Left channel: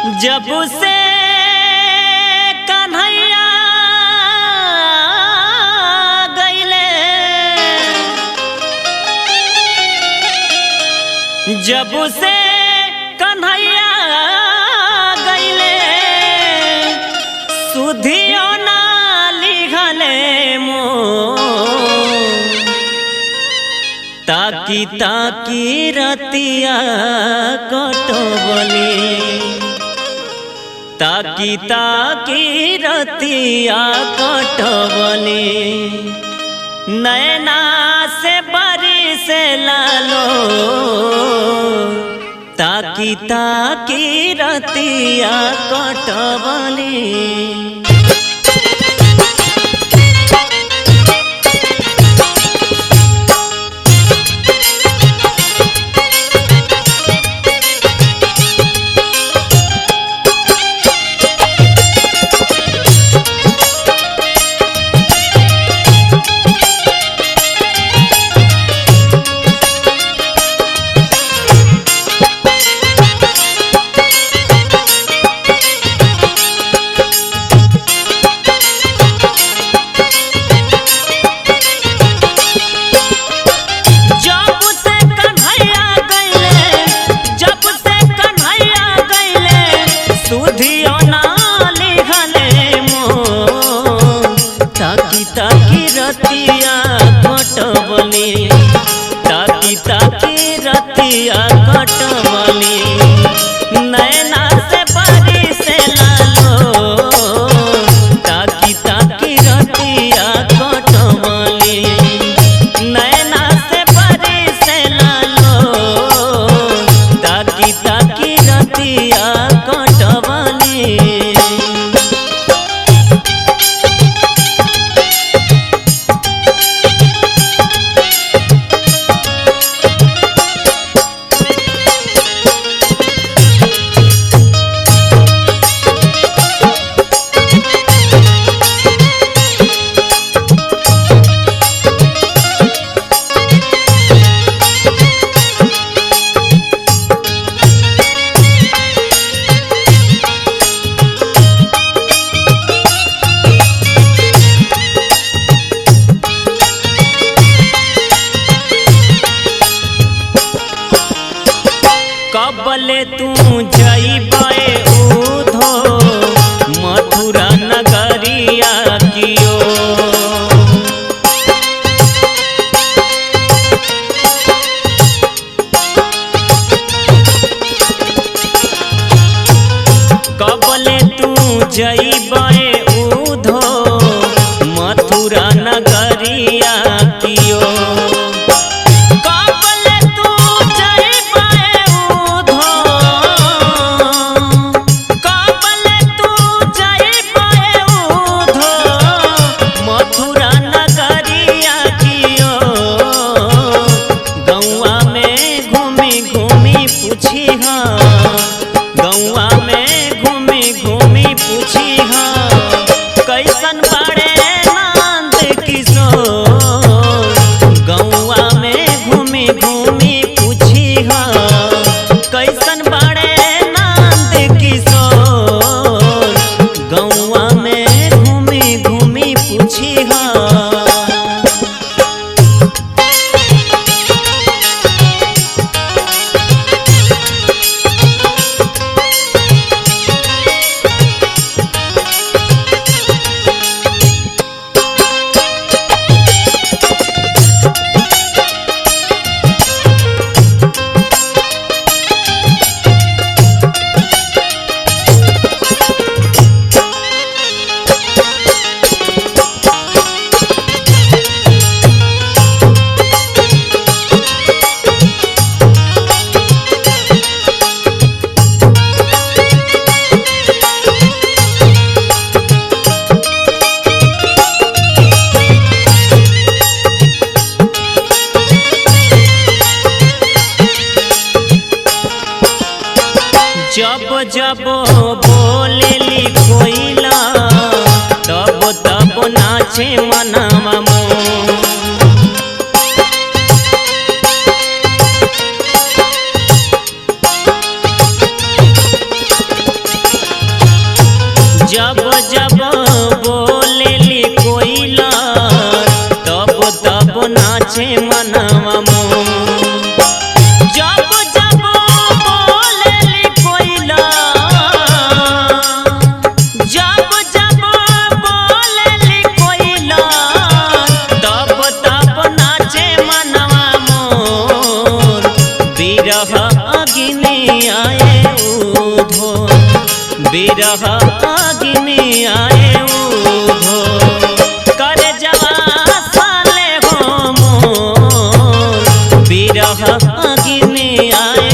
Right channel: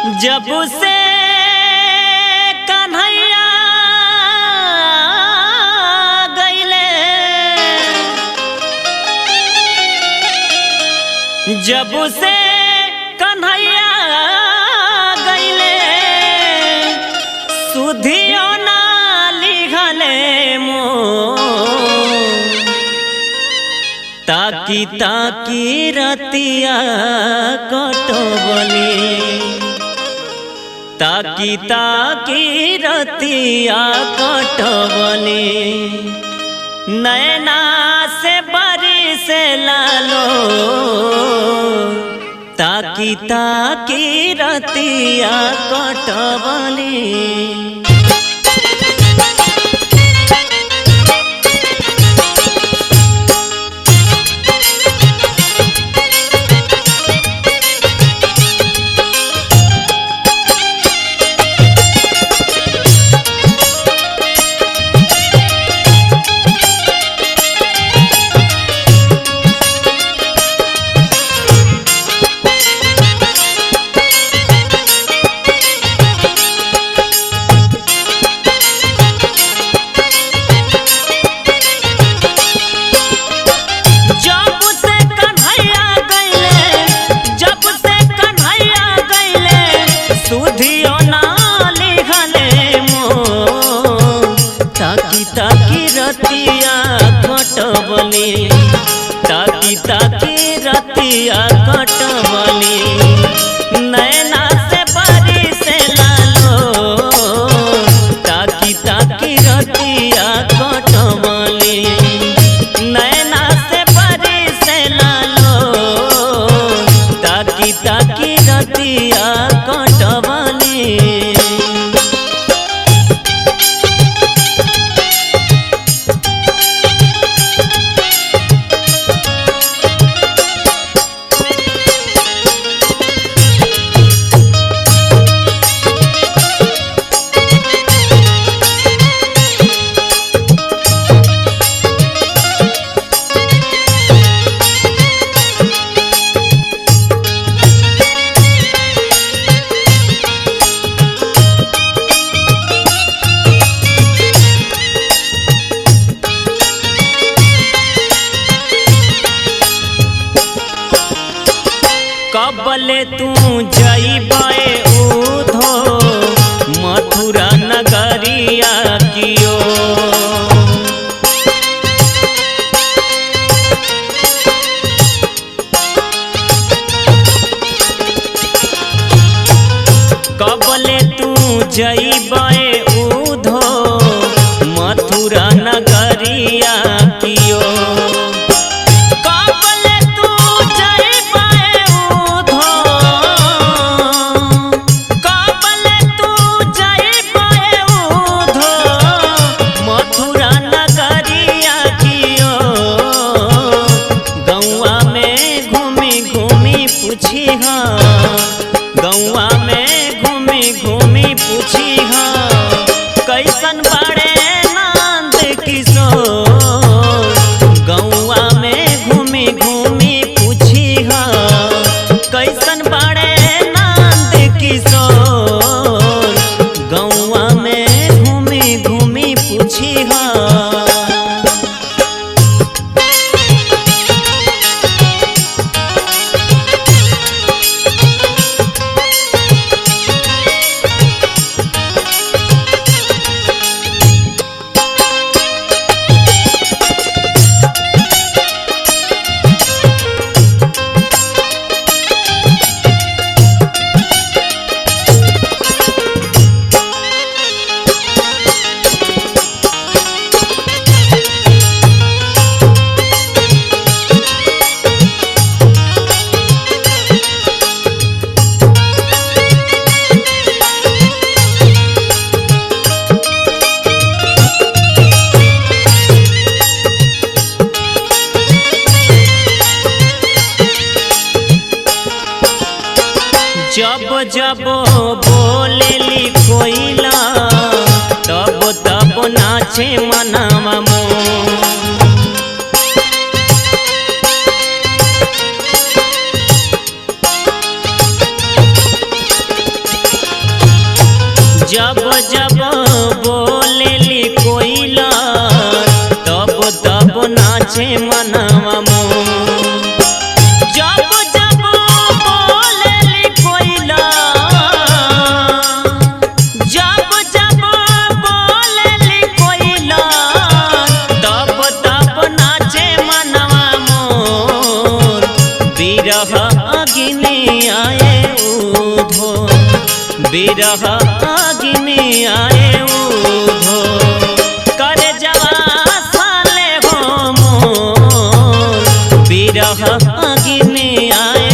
जब से कन्हैया गईले, जब से कन्हैया गईले, सुधियो ना लिखले मोर। ताकी ताकी रतिया कटबले, ताकी ताकी रतिया कटबले, नैना से बारिश लालो। ताकी ताकी रतिया कटबले। सुधियो ना लिखले मोर। ताकी ताकी रतिया कटबले, ताकी ताकी रतिया कटबले, नैना से बारिश लालो। ताकी ताकी रतिया कटबले, नैना से बारिश लालो। ताकी ताकी रतिया कटबले। कबले तू जइबे उधो मथुरा नगरिया कियो। कबले तू जइबे उधो मथुरा नगरिया कियो। पूछी हाँ गौआ में घूमी घूमी पूछी हाँ, कैसन बड़े नंद किशोर। गौआ में घूमी घूमी पूछी हाँ, कैसन बड़े नंद किशोर। गौआ में घूमी घूमी पूछी हाँ। जब जब बोलेली कोइला, तब तब नाचे मनवा मोर। जब जब बोलेली कोयला तब तब नाचे मनवा मोर। जब जब बोलेली कोयला जब जब बोलेली कोयला तब तब नाचे मनवा मोर। बिरह अग्नि आए उधो बिरह अग्नि आए उधो कर जवा साले हो मोर। बिरह अग्नि आए